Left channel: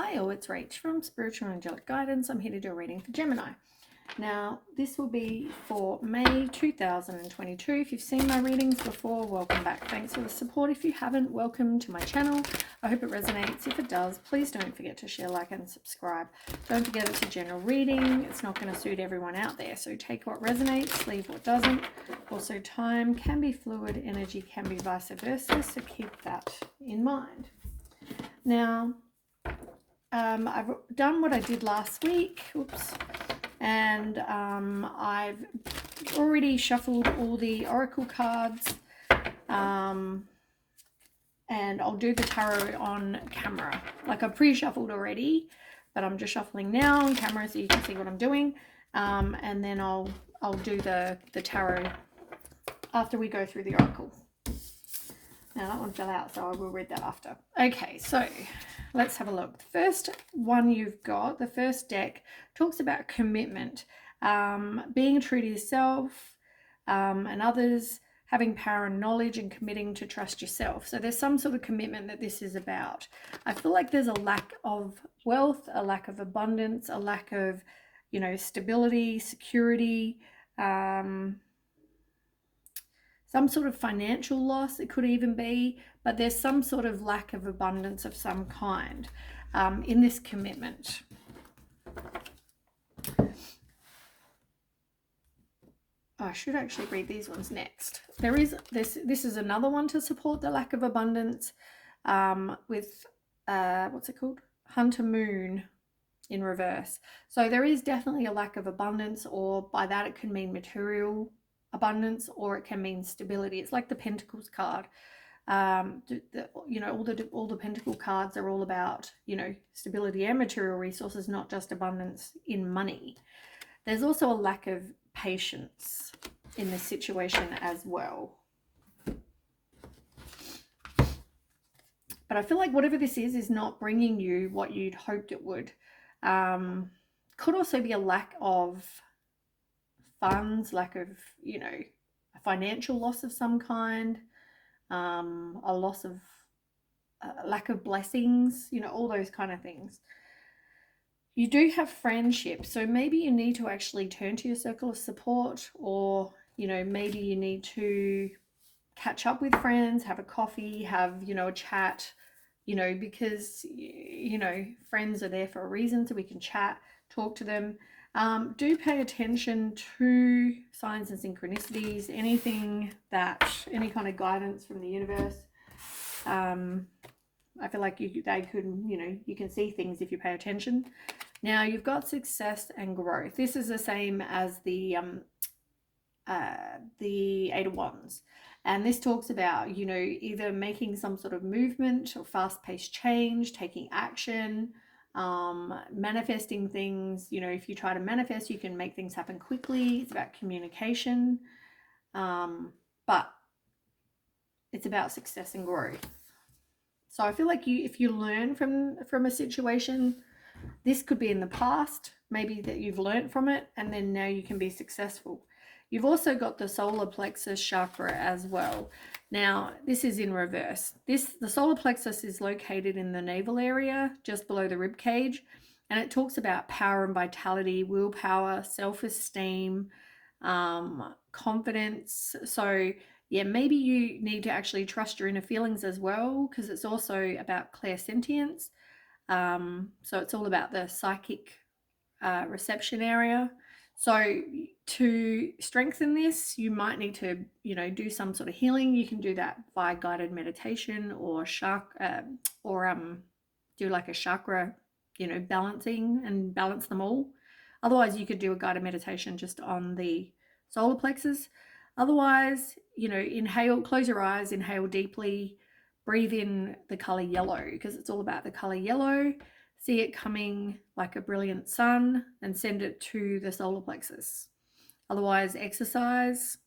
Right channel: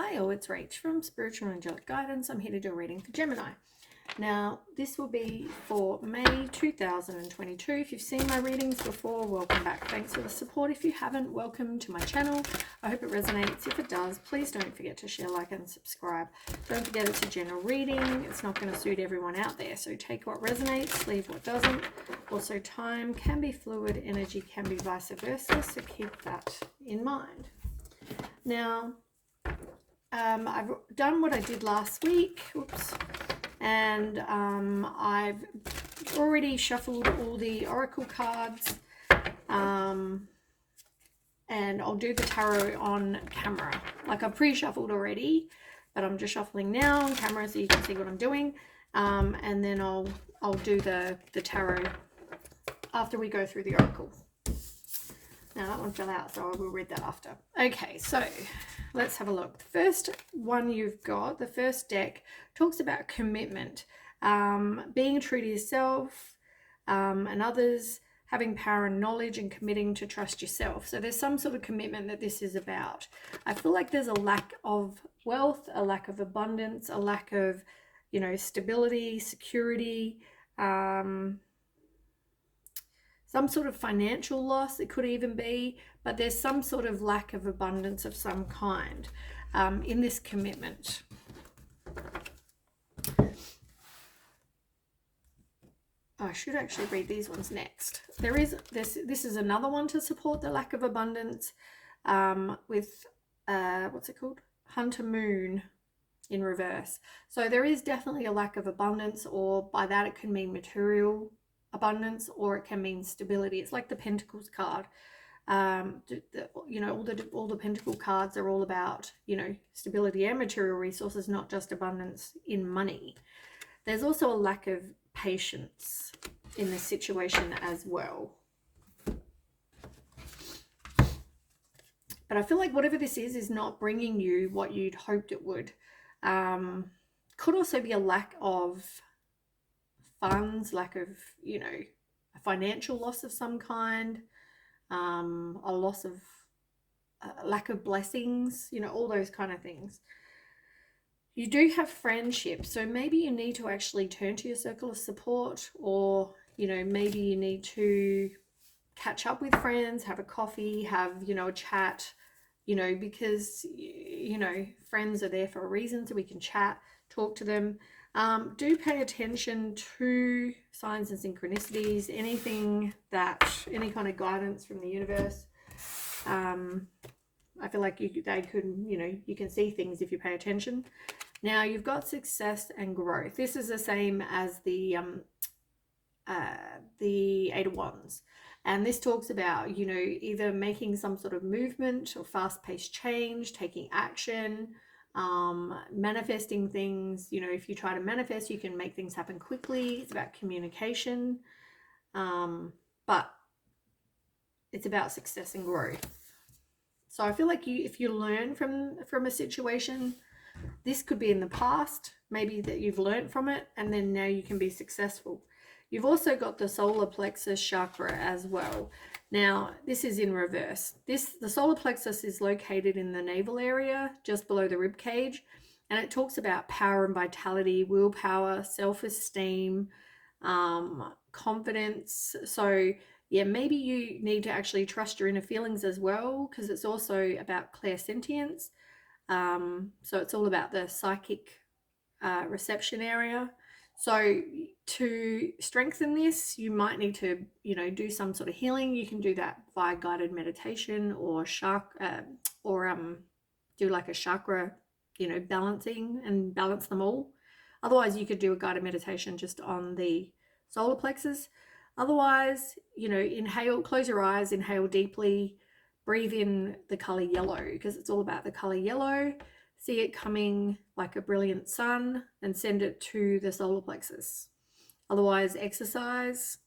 Hi all, it's Rach from Spiritual and Angelic Guidance. I'm here to do a reading for Gemini. Now, this will be for May 2022. If you've seen my readings before, welcome back. Thanks for the support. If you haven't, welcome to my channel. I hope it resonates. If it does, please don't forget to share, like, and subscribe. Don't forget it's a general reading. It's not going to suit everyone out there, so take what resonates, leave what doesn't. Also, time can be fluid, energy can be vice versa, so keep that in mind. Now, I've done what I did last week, and I've already shuffled all the oracle cards, and I'll do the tarot on camera. Like, I've pre-shuffled already, but I'm just shuffling now on camera so you can see what I'm doing, and then I'll do the tarot after we go through the oracle. Now that one fell out, so I will read that after. Okay, so let's have a look. The first one you've got, the first deck, talks about commitment, being true to yourself and others, having power and knowledge, and committing to trust yourself. So there's some sort of commitment that this is about. I feel like there's a lack of wealth, a lack of abundance, a lack of, stability, security, some sort of financial loss, it could even be, but there's some sort of lack of abundance of some kind in this commitment. I should actually read these ones next. There is this is another one to support the lack of abundance with what's it called? Hunter Moon in reverse. So there is definitely a lack of abundance, or by that it can mean material abundance, or it can mean stability. It's like the Pentacles card. All the Pentacle cards are all about, stability and material resources, not just abundance in money. There's also a lack of patience in this situation as well. But I feel like whatever this is not bringing you what you'd hoped it would. Could also be a lack of funds, lack of, a financial loss of some kind, a loss of, lack of blessings, all those kind of things. You do have friendships, so maybe you need to actually turn to your circle of support, or, maybe you need to catch up with friends, have a coffee, have, a chat, because, friends are there for a reason, so we can chat, talk to them. Do pay attention to signs and synchronicities, any kind of guidance from the universe. I feel like you can see things if you pay attention. Now you've got success and growth. This is the same as the Eight of Wands. And this talks about, either making some sort of movement or fast-paced change, taking action, manifesting things. If you try to manifest, you can make things happen quickly. It's about communication, but it's about success and growth. So I feel like if you learn from a situation, this could be in the past, maybe that you've learned from it, and then now you can be successful. You've also got the solar plexus chakra as well. Now, this is in reverse. The solar plexus is located in the navel area, just below the rib cage, and it talks about power and vitality, willpower, self-esteem, confidence. So, yeah, maybe you need to actually trust your inner feelings as well, because it's also about clairsentience. So it's all about the psychic reception area. So to strengthen this, you might need to, do some sort of healing. You can do that via guided meditation, or do like a chakra, balancing and balance them all. Otherwise, you could do a guided meditation just on the solar plexus. Otherwise, inhale, close your eyes, inhale deeply, breathe in the color yellow, because it's all about the color yellow. See it coming like a brilliant sun, and send it to the solar plexus. Otherwise, exercise,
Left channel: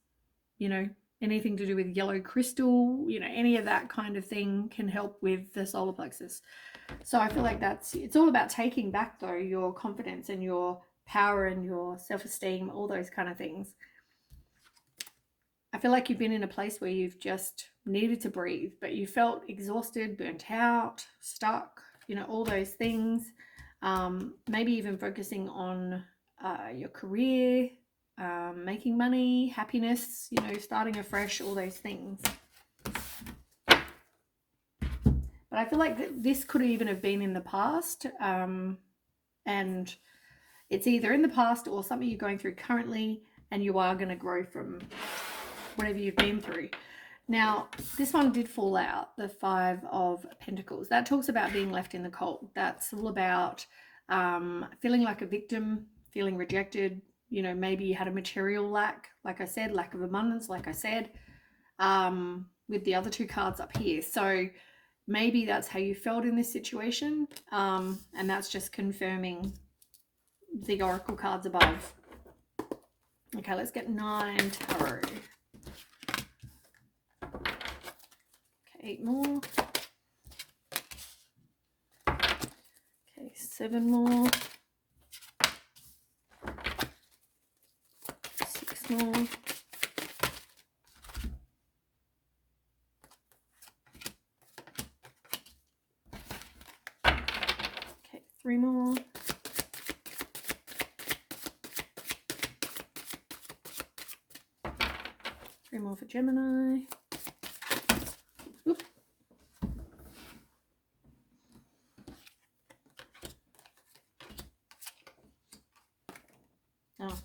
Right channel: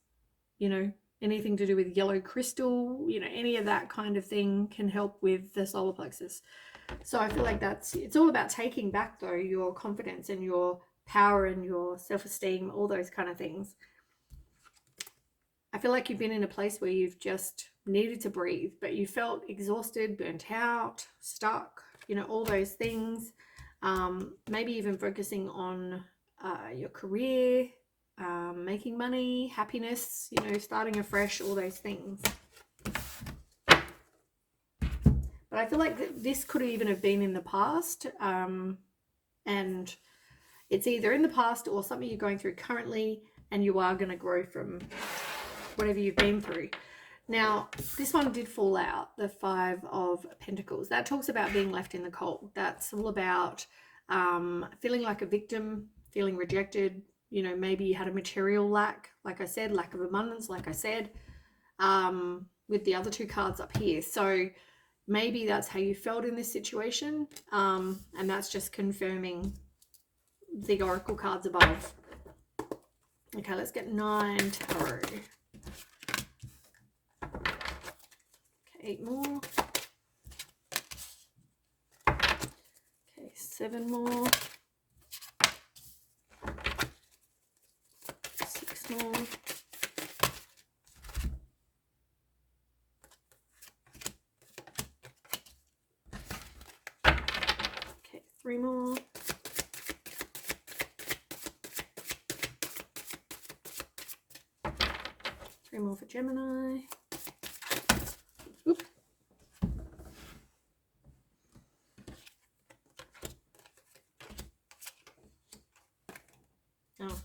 anything to do with yellow crystal, any of that kind of thing can help with the solar plexus. So I feel like it's all about taking back, though, your confidence and your power and your self-esteem, all those kind of things. I feel like you've been in a place where you've just needed to breathe, but you felt exhausted, burnt out, stuck, you know, all those things. Maybe even focusing on your career, making money, happiness, you know, starting afresh, all those things. But I feel like this could even have been in the past, and it's either in the past or something you're going through currently, and you are going to grow from whatever you've been through. Now, this one did fall out, the Five of Pentacles. That talks about being left in the cold. That's all about feeling like a victim, feeling rejected. You know, maybe you had a material lack, like I said, lack of abundance, like I said, with the other two cards up here. So maybe that's how you felt in this situation, and that's just confirming the oracle cards above. Okay, let's get 9 tarot. Okay, 8 more. Okay, 7 more. 6 more. Okay, 3 more. 3 more for Gemini. Oop. Oh.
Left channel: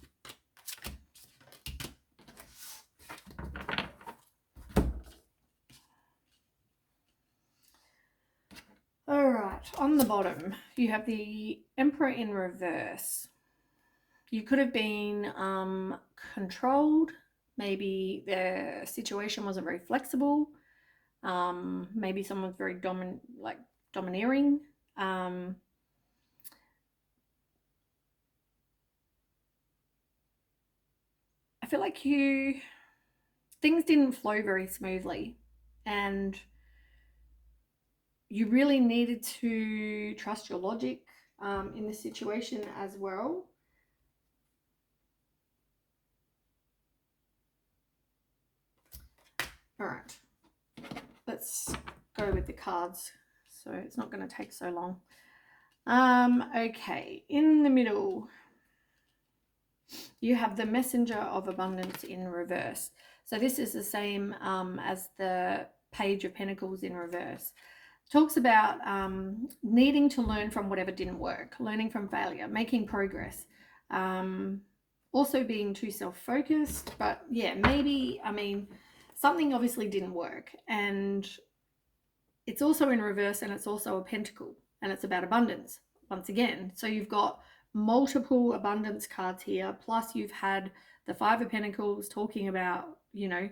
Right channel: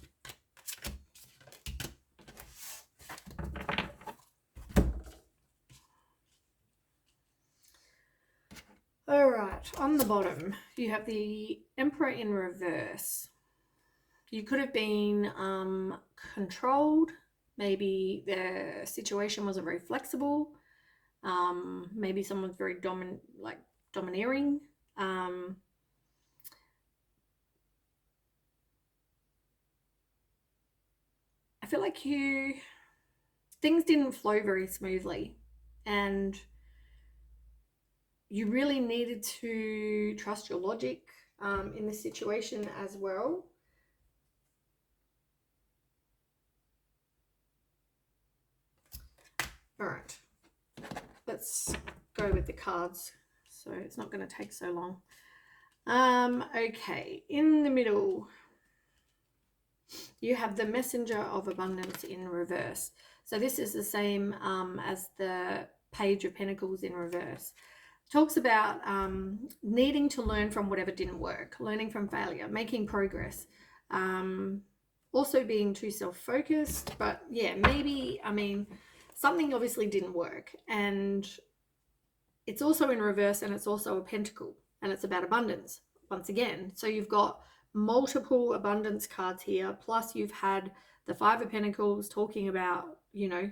All right, on the bottom, you have the Emperor in reverse. You could have been controlled. Maybe the situation wasn't very flexible. Maybe someone's very domineering. I feel like things didn't flow very smoothly, and you really needed to trust your logic in this situation as well. All right, let's go with the cards, so it's not going to take so long. Okay, in the middle, you have the Messenger of Abundance in reverse. So this is the same as the Page of Pentacles in reverse. Talks about needing to learn from whatever didn't work, learning from failure, making progress, also being too self-focused. But yeah, maybe, I mean, something obviously didn't work, and it's also in reverse, and it's also a pentacle, and it's about abundance once again. So you've got multiple abundance cards here, plus you've had the Five of Pentacles talking about, you know,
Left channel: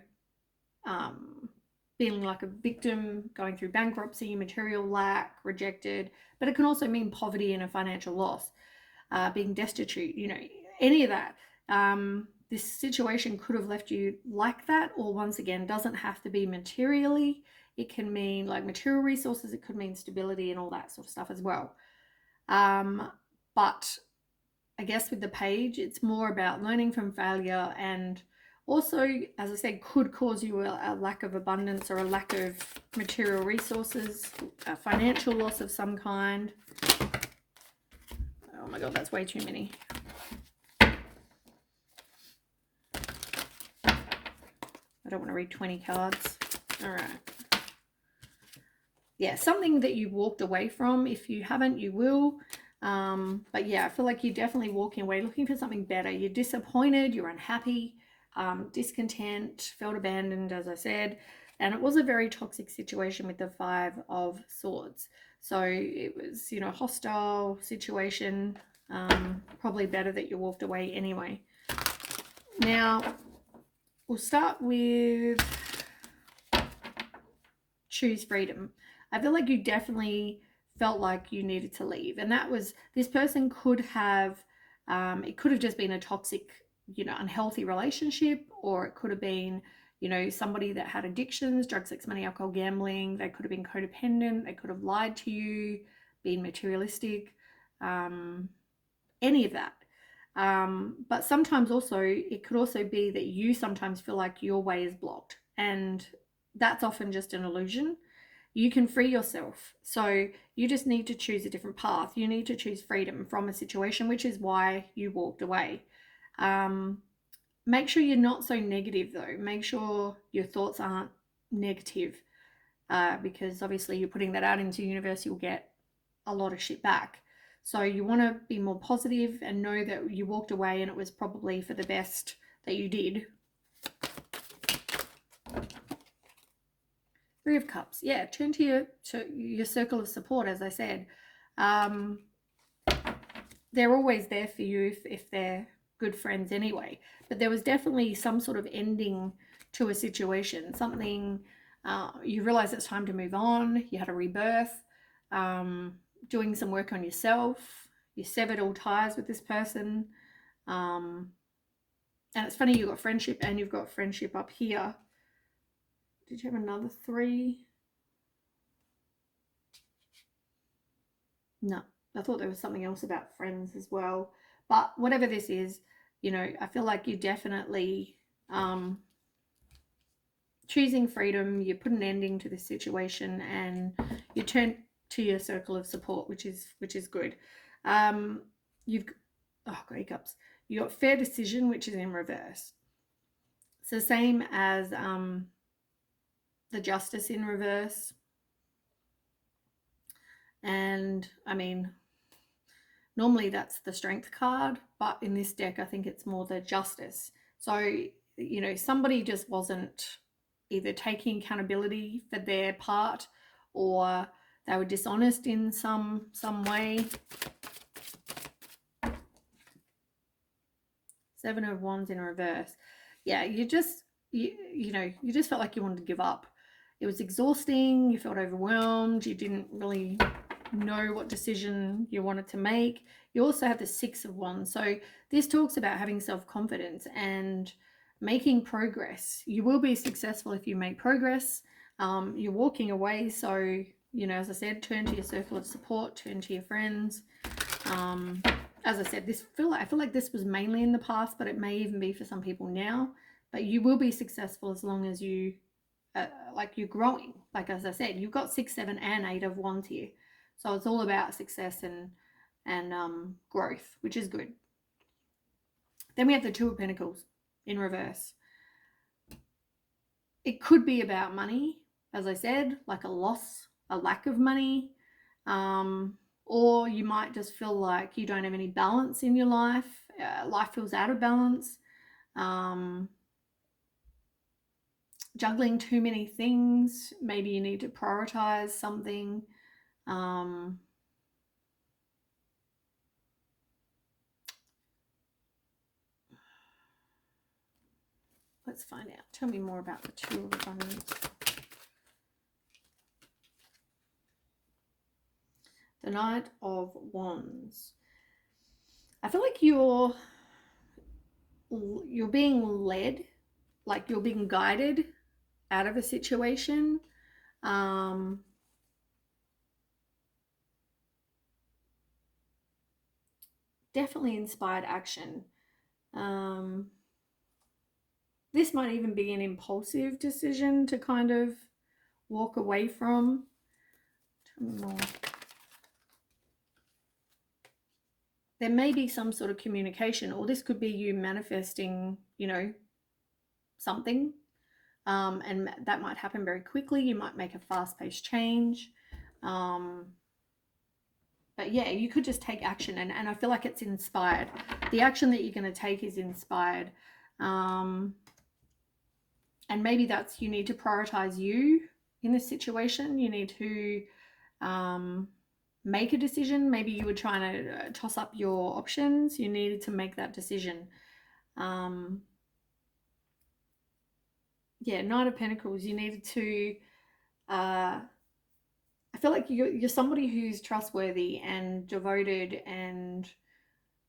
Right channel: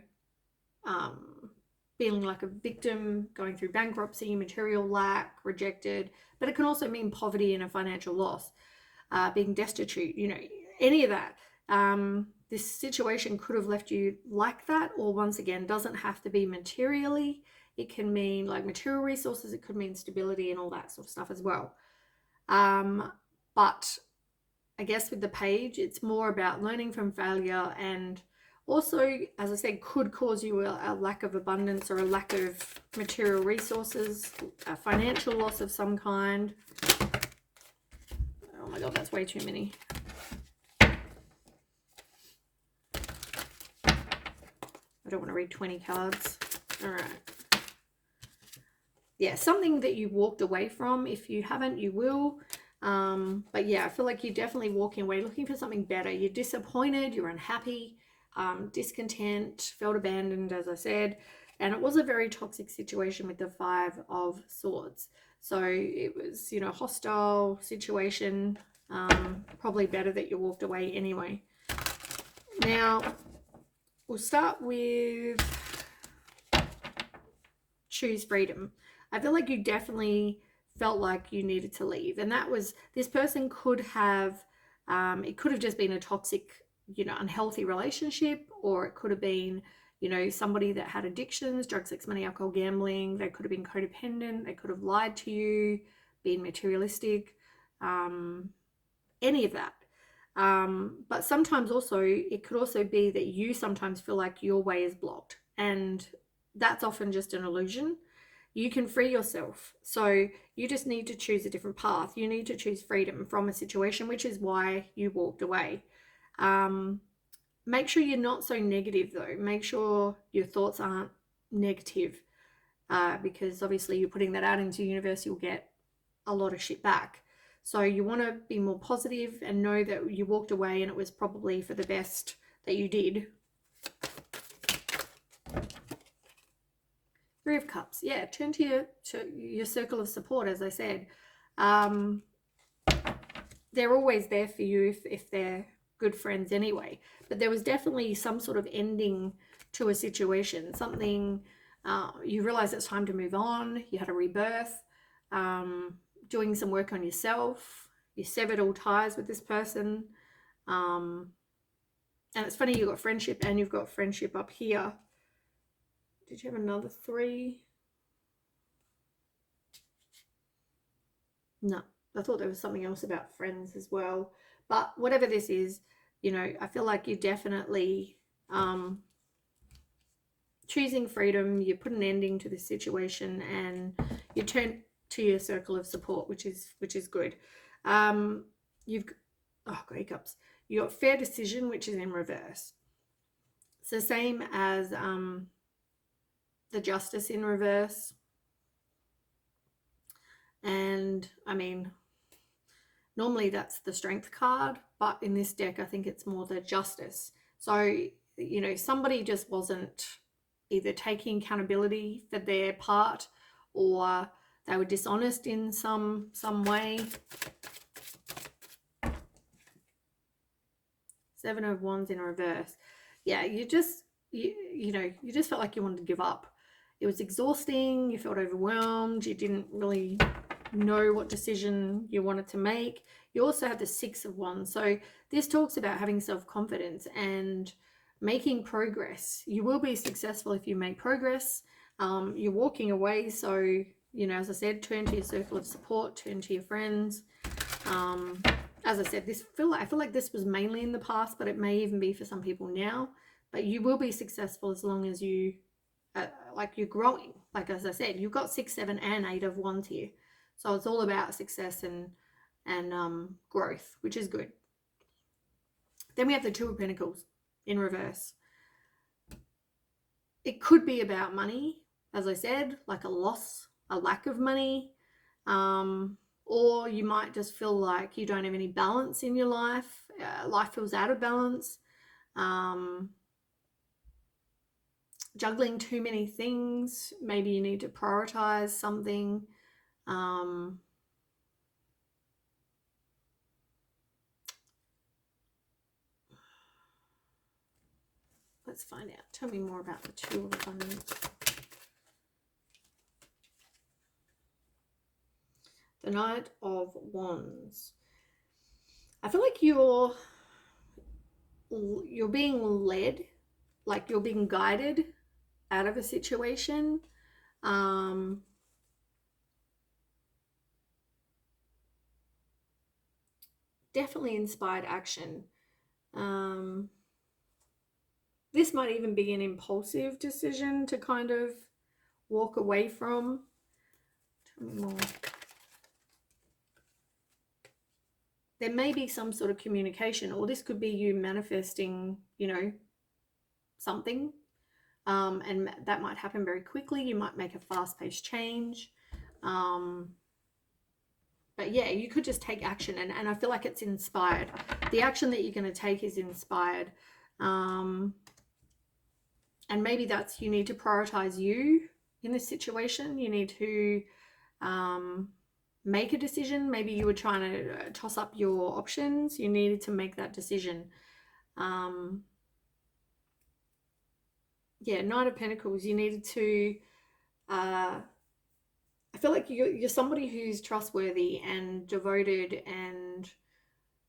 feeling like a victim, going through bankruptcy, material lack, rejected, but it can also mean poverty and a financial loss, being destitute, you know, any of that. This situation could have left you like that, or once again, doesn't have to be materially. It can mean like material resources, it could mean stability and all that sort of stuff as well. But I guess with the Page, it's more about learning from failure, and also, as I said, could cause you a lack of abundance or a lack of material resources, a financial loss of some kind. Oh my God, that's way too many. I don't want to read 20 cards. All right. Yeah, something that you walked away from. If you haven't, you will. But yeah, I feel like you're definitely walking away looking for something better. You're disappointed, you're unhappy, discontent, felt abandoned, as I said. And it was a very toxic situation with the Five of Swords. So it was, you know, hostile situation. Probably better that you walked away anyway. Now, we'll start with choose freedom. I feel like you definitely felt like you needed to leave, and that was, this person could have, it could have just been a toxic, you know, unhealthy relationship, or it could have been, you know, somebody that had addictions, drugs, sex, money, alcohol, gambling. They could have been codependent, they could have lied to you, been materialistic, any of that. But sometimes also, it could also be that you sometimes feel like your way is blocked, and that's often just an illusion. you can free yourself. So you just need to choose a different path. You need to choose freedom from a situation, which is why you walked away. Make sure you're not so negative though. Make sure your thoughts aren't negative, because obviously you're putting that out into the universe, you'll get a lot of shit back. So you want to be more positive and know that you walked away and it was probably for the best that you did. Three of Cups. Yeah, turn to your circle of support, as I said. They're always there for you if they're good friends anyway. But there was definitely some sort of ending to a situation. Something, you realize it's time to move on. You had a rebirth. Doing some work on yourself. You severed all ties with this person. And it's funny, you've got friendship and you've got friendship up here. Did you have another 3? No, I thought there was something else about friends as well. But whatever this is, you know, I feel like you definitely choosing freedom. You put an ending to this situation and you turn to your circle of support, which is good. You've got hiccups. You got fair decision, which is in reverse. It's the same as the Justice in reverse. And I mean, normally that's the Strength card, but in this deck I think it's more the Justice. So, you know, somebody just wasn't either taking accountability for their part, or they were dishonest in some way. 7 of Wands in reverse. Yeah, you just felt like you wanted to give up. It was exhausting. You felt overwhelmed. You didn't really know what decision you wanted to make. You also have the 6 of Wands. So this talks about having self-confidence and making progress. You will be successful if you make progress. You're walking away. So, you know, as I said, turn to your circle of support, turn to your friends. As I said, I feel like this was mainly in the past, but it may even be for some people now. But you will be successful as long as you, you're growing. Like, as I said, you've got 6, 7, and 8 of Wands here. So it's all about success and growth, which is good. Then we have the 2 of Pentacles in reverse. It could be about money, as I said, like a loss, a lack of money. Or you might just feel like you don't have any balance in your life. Life feels out of balance. Juggling too many things. Maybe you need to prioritize something. Let's find out. Tell me more about the 2 of Abundance. The Knight of Wands. I feel like you're being led, like you're being guided out of a situation. Definitely inspired action. This might even be an impulsive decision to kind of walk away from. Tell me more. There may be some sort of communication, or this could be you manifesting, you know, something. And that might happen very quickly. You might make a fast-paced change. But yeah, you could just take action, and I feel like it's inspired. The action that you're going to take is inspired. And maybe that's, you need to prioritize you in this situation. You need to make a decision. Maybe you were trying to toss up your options. You needed to make that decision. Yeah, Knight of Pentacles. You needed to... I feel like you're somebody who's trustworthy and devoted and,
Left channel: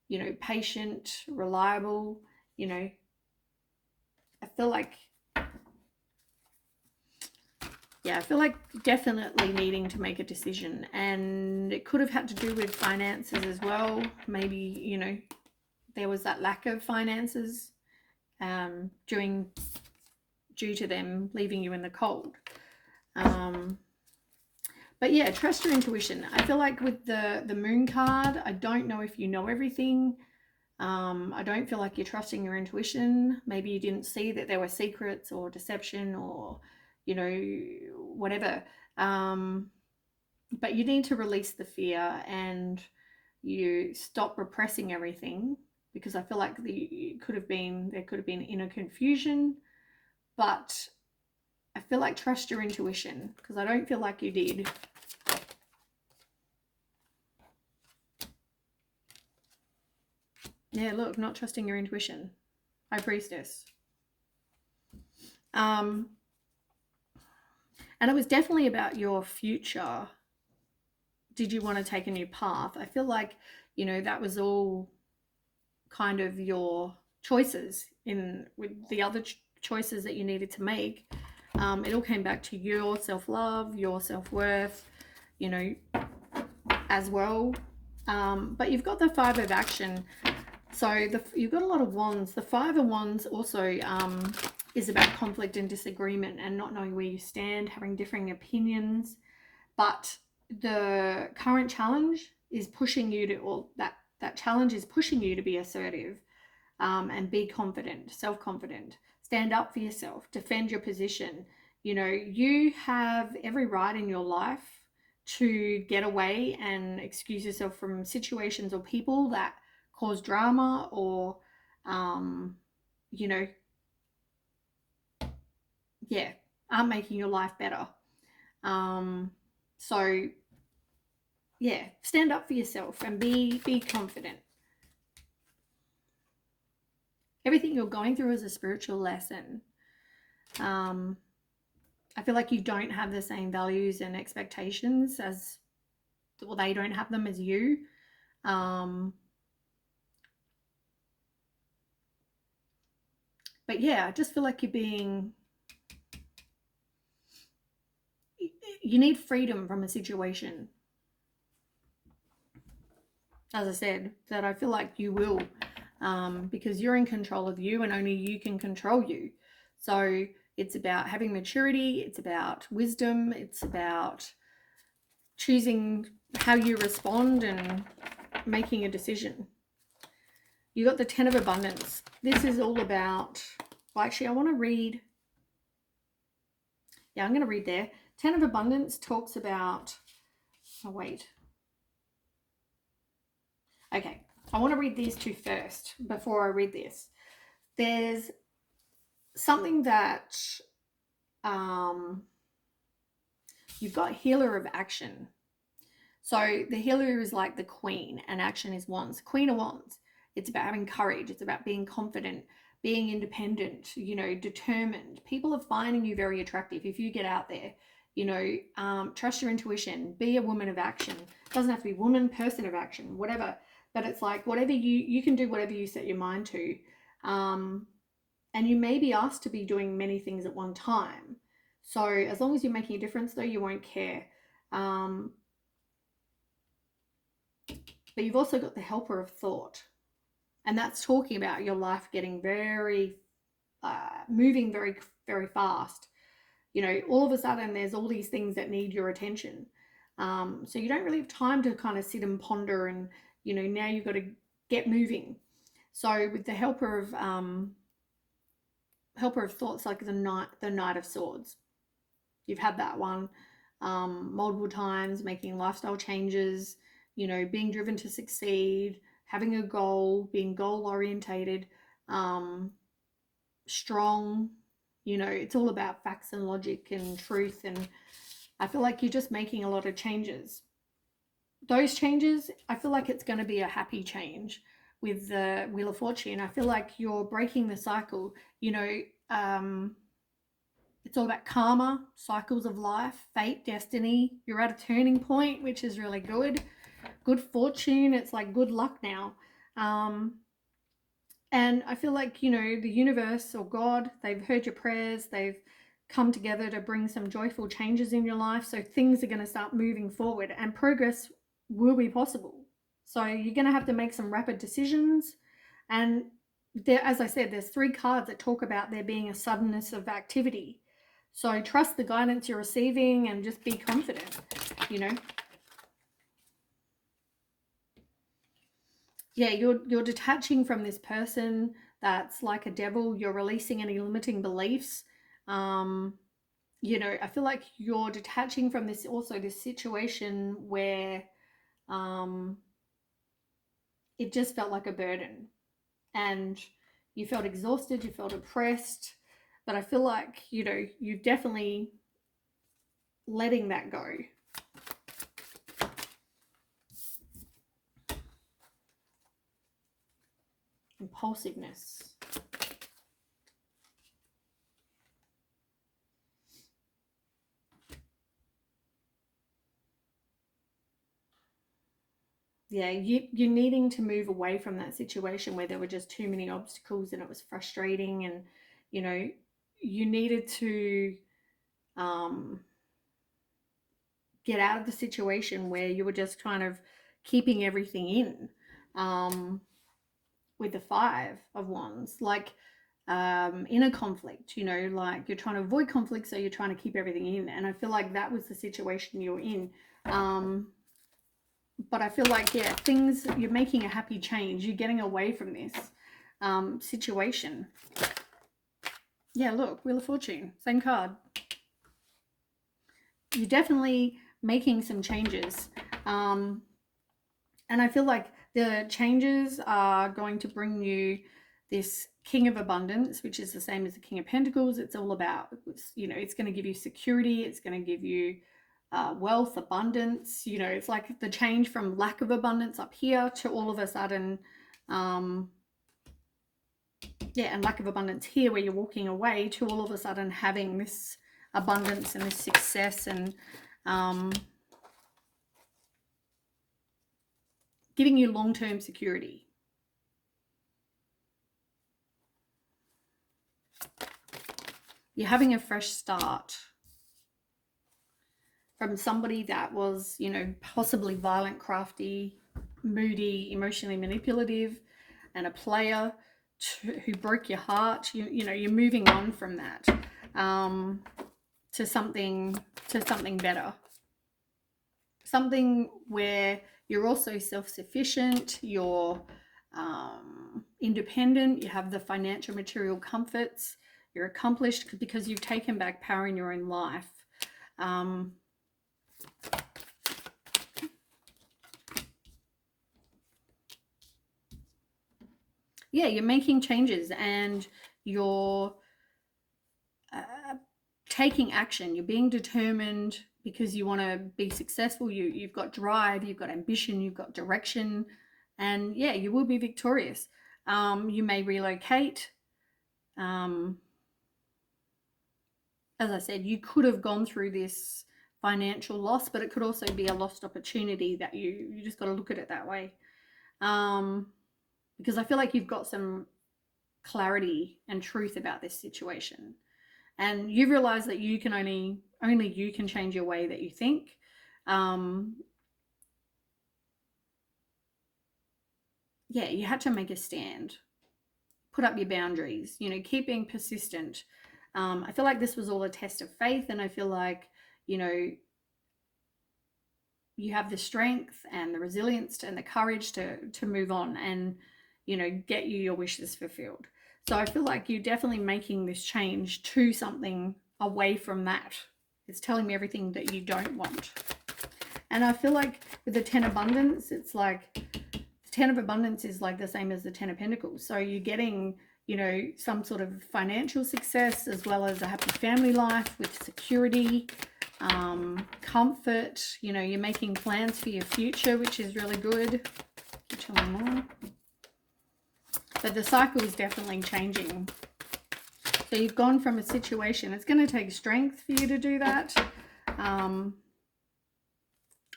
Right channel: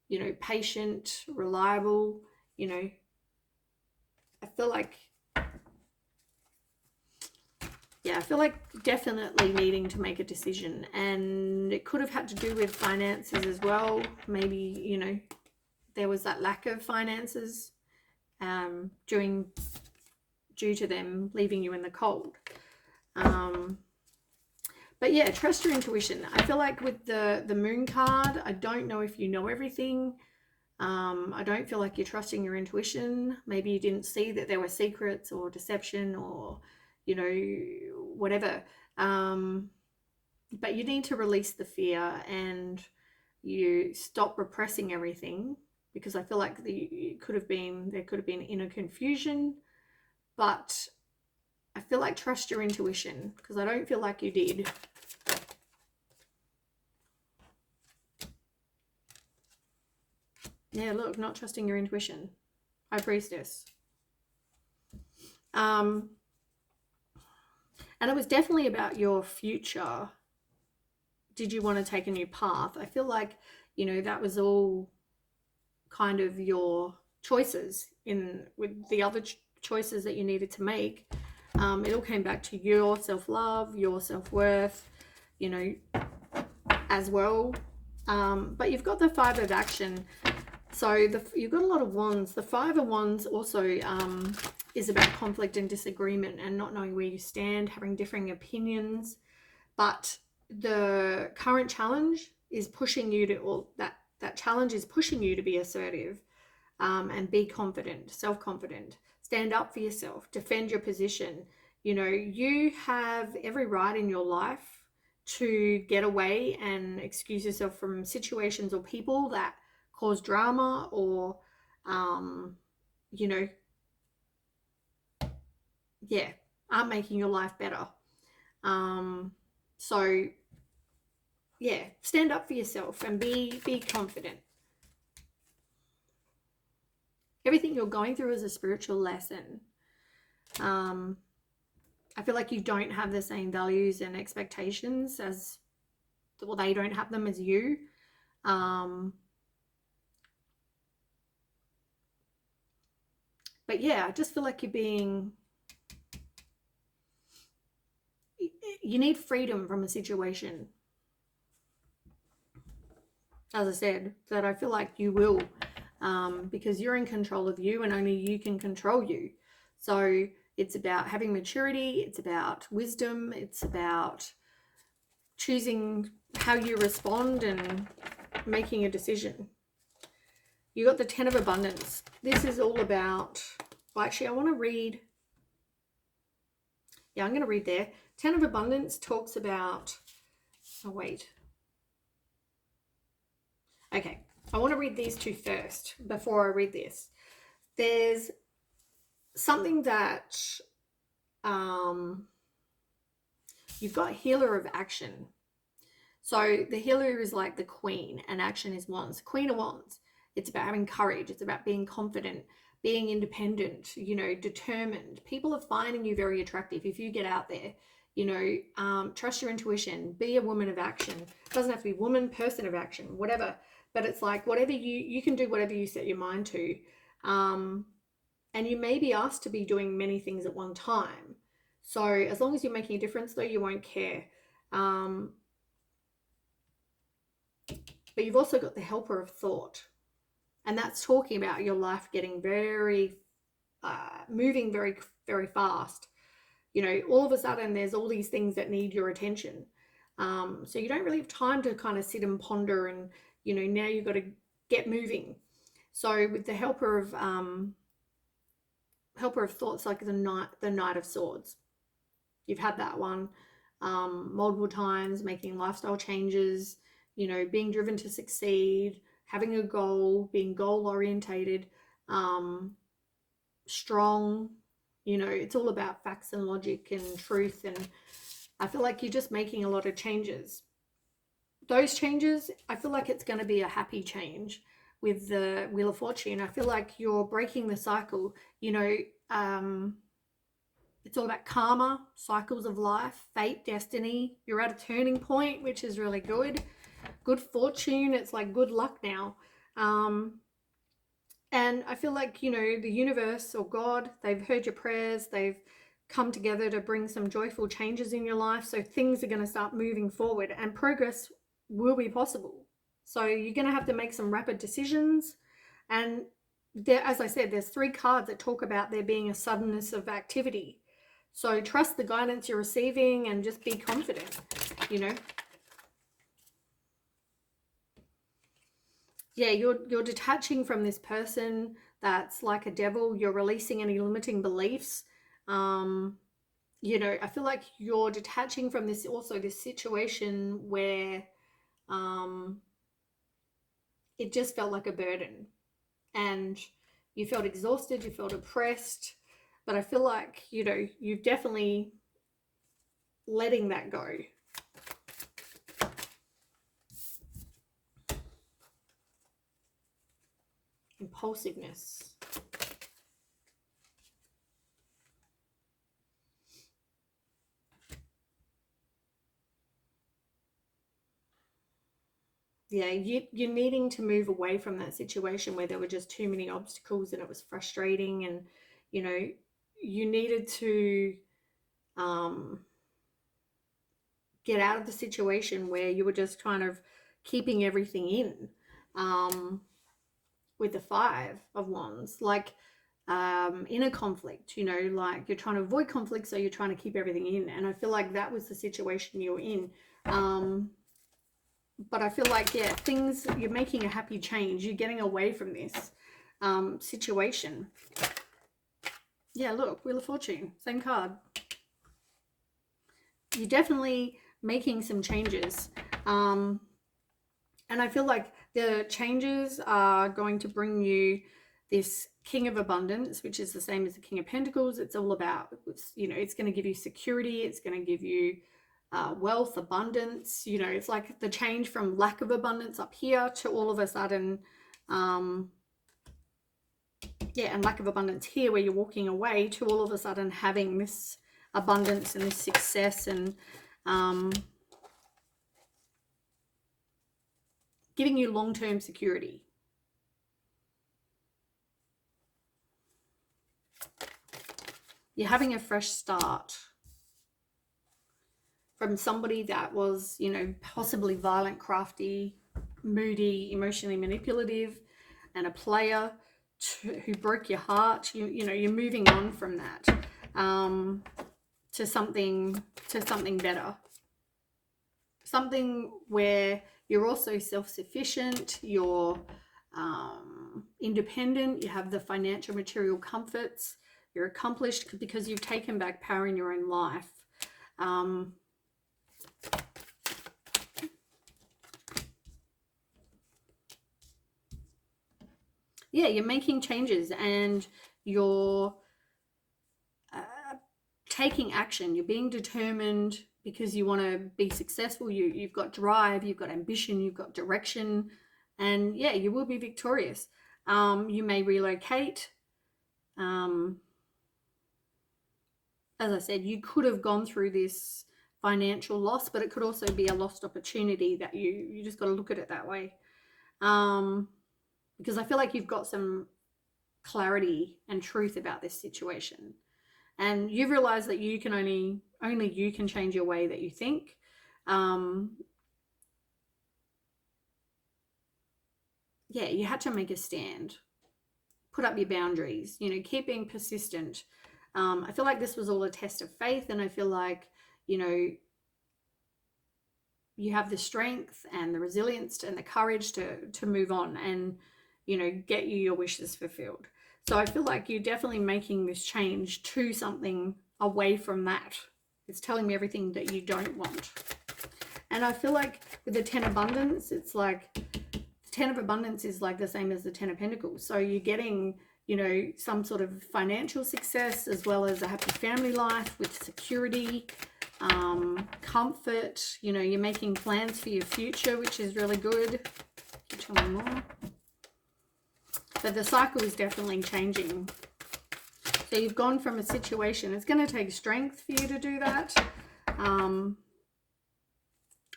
you know, patient, reliable. You know, I feel like... Yeah, I feel like definitely needing to make a decision, and it could have had to do with finances as well. Maybe, you know, there was that lack of finances due to them leaving you in the cold. But yeah, trust your intuition. I feel like with the moon card, I don't know if you know everything. I don't feel like you're trusting your intuition. Maybe you didn't see that there were secrets or deception or, you know, whatever. But you need to release the fear and you stop repressing everything, because I feel like there could have been inner confusion. But I feel like trust your intuition, because I don't feel like you did. Yeah, look, not trusting your intuition. High Priestess. And it was definitely about your future. Did you want to take a new path? I feel like, you know, that was all kind of your choices in with the other choices that you needed to make. It all came back to your self-love, your self-worth, you know, as well. But you've got the 5 of action. So you've got a lot of wands. The 5 of wands also is about conflict and disagreement and not knowing where you stand, having differing opinions. But the current challenge is pushing you to, or that challenge is pushing you to be assertive and be confident, self-confident. Stand up for yourself, defend your position. You know, you have every right in your life to get away and excuse yourself from situations or people that cause drama or, you know, yeah, aren't making your life better. So, yeah, stand up for yourself and be confident. Everything you're going through is a spiritual lesson. I feel like you don't have the same values and expectations as, well, they don't have them as you. But yeah, I just feel like you need freedom from a situation. As I said, that I feel like you will, because you're in control of you and only you can control you. So it's about having maturity, it's about wisdom, it's about choosing how you respond and making a decision. You got the 10 of abundance. This is all about, well, actually I want to read, I'm going to read there. 10 of abundance talks about, okay, I want to read these two first before I read this. There's something that you've got healer of action. So the healer is like the queen and action is wands. Queen of wands. It's about having courage. It's about being confident, being independent, you know, determined. People are finding you very attractive if you get out there. You know, trust your intuition. Be a woman of action. It doesn't have to be woman, person of action, whatever. But it's like whatever you can do whatever you set your mind to. And you may be asked to be doing many things at one time. So as long as you're making a difference, though, you won't care. But you've also got the helper of thought. And that's talking about your life getting very, moving very, very fast. You know, all of a sudden there's all these things that need your attention. So you don't really have time to kind of sit and ponder and, you know, now you've got to get moving. So with the helper of thoughts, like the Knight of Swords. You've had that one multiple times, making lifestyle changes, you know, being driven to succeed, having a goal, being goal orientated, strong. You know, it's all about facts and logic and truth. And I feel like you're just making a lot of changes. Those changes, I feel like it's going to be a happy change with the Wheel of Fortune. I feel like you're breaking the cycle. You know, it's all about karma, cycles of life, fate, destiny. You're at a turning point, which is really good. Good fortune. It's like good luck now. And I feel like, you know, the universe or God, they've heard your prayers. They've come together to bring some joyful changes in your life. So things are going to start moving forward and progress will be possible. So you're going to have to make some rapid decisions. And there, as I said, there's 3 cards that talk about there being a suddenness of activity. So trust the guidance you're receiving and just be confident. you know. Yeah, you're detaching from this person that's like a devil. You're releasing any limiting beliefs. You know, I feel like you're detaching from this, also this situation where it just felt like a burden, and you felt exhausted, you felt oppressed. But I feel like, you know, you've definitely letting that go. Impulsiveness. Yeah, you're needing to move away from that situation where there were just too many obstacles and it was frustrating, and you know, you needed to get out of the situation where you were just kind of keeping everything in. With the Five of Wands, like in a conflict, you know, like you're trying to avoid conflict, so you're trying to keep everything in, and I feel like that was the situation you were in. But I feel like, yeah, things, you're making a happy change, you're getting away from this situation. Yeah, look, Wheel of Fortune, same card. You're definitely making some changes, and I feel like the changes are going to bring you this King of Abundance, which is the same as the King of Pentacles. It's all about, you know, it's going to give you security, it's going to give you wealth, abundance. You know, it's like the change from lack of abundance up here to all of a sudden, yeah, and lack of abundance here where you're walking away, to all of a sudden having this abundance and this success, and giving you long-term security. You're having a fresh start from somebody that was, you know, possibly violent, crafty, moody, emotionally manipulative, and a player who broke your heart. You know, you're moving on from that to something better. Something where you're also self-sufficient, you're independent, you have the financial material comforts, you're accomplished because you've taken back power in your own life. Yeah, you're making changes and you're taking action. You're being determined because you want to be successful. You've got drive, you've got ambition, you've got direction, and yeah, you will be victorious. You may relocate. As I said, you could have gone through this financial loss, but it could also be a lost opportunity that you just got to look at it that way. Because I feel like you've got some clarity and truth about this situation, and you realize that you can only you can change your way that you think. Yeah, you had to make a stand, put up your boundaries, you know, keep being persistent. I feel like this was all a test of faith, and I feel like, you know, you have the strength and the resilience and the courage to move on and, you know, get you your wishes fulfilled. So I feel like you're definitely making this change to something away from that. It's telling me everything that you don't want. And I feel like with the 10 abundance, it's like the 10 of abundance is like the same as the 10 of pentacles. So you're getting, you know, some sort of financial success as well as a happy family life with security, comfort. You know, you're making plans for your future, which is really good. Tell me more. But the cycle is definitely changing. So you've gone from a situation, it's going to take strength for you to do that.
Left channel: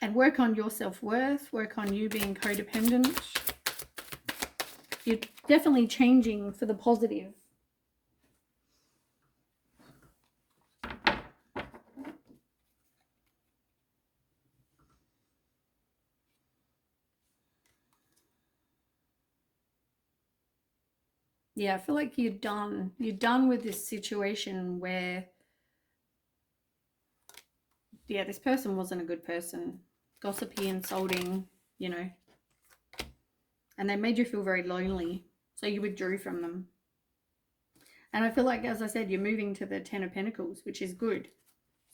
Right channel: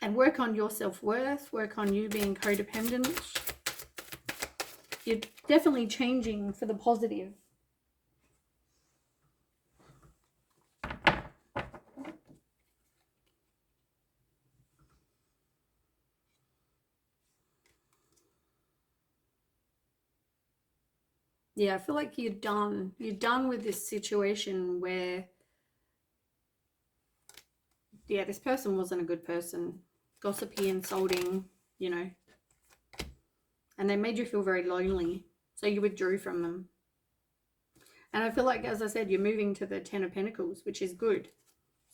And work on your self-worth, work on you being codependent. You're definitely changing for the positive. Yeah, I feel like you're done with this situation where yeah, this person wasn't a good person. Gossipy, insulting, you know. And they made you feel very lonely. So you withdrew from them. And I feel like, as I said, you're moving to the Ten of Pentacles, which is good.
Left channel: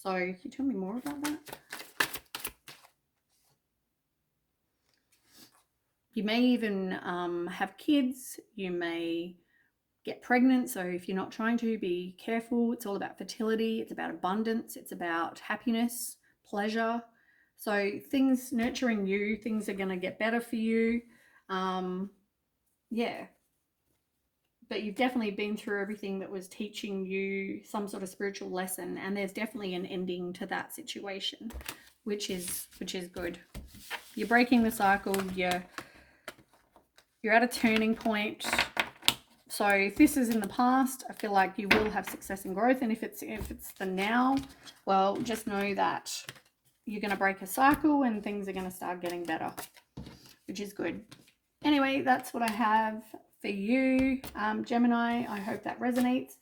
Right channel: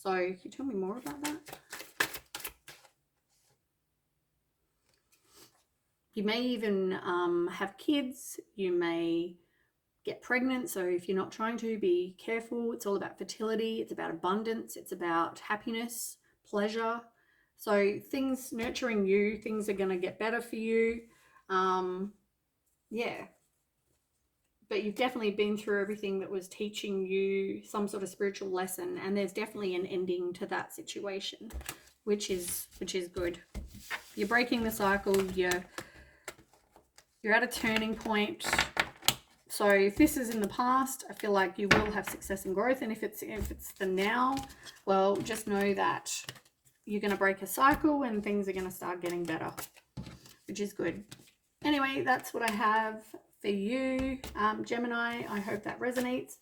So can you tell me more about that? You may even have kids. You may get pregnant. So if you're not trying to, be careful. It's all about fertility. It's about abundance. It's about happiness, pleasure. So things nurturing you, things are going to get better for you. Yeah. But you've definitely been through everything that was teaching you some sort of spiritual lesson, and there's definitely an ending to that situation, which is good. You're breaking the cycle. You're at a turning point. So if this is in the past, I feel like you will have success and growth. And if it's the now, well, just know that you're going to break a cycle and things are going to start getting better, which is good. Anyway, that's what I have for you, Gemini. I hope that resonates.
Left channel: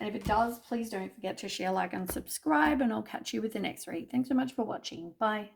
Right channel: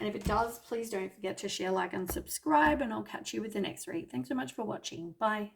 And if it does, please don't forget to share, like, and subscribe. And I'll catch you with the next read. Thanks so much for watching. Bye.